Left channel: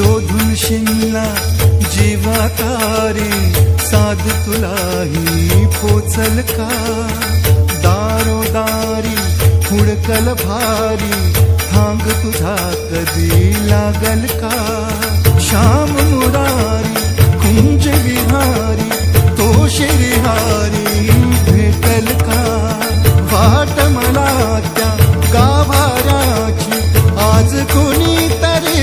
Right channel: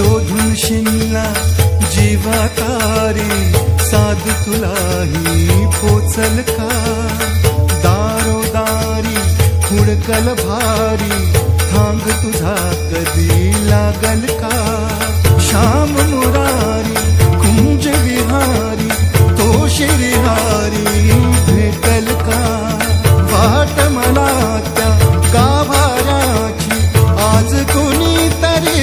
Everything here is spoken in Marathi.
शोधून शिनला जीवाकारे साध तुलाही पोचल का? दारोदारी हुडकल भारी थांग तुझा कधी लागल का? श्याम मुरारी कुंज विहारी तो शिरिहारी भेटल का? वाट मला त्या गाभाऱ्याची आज कुणी तरी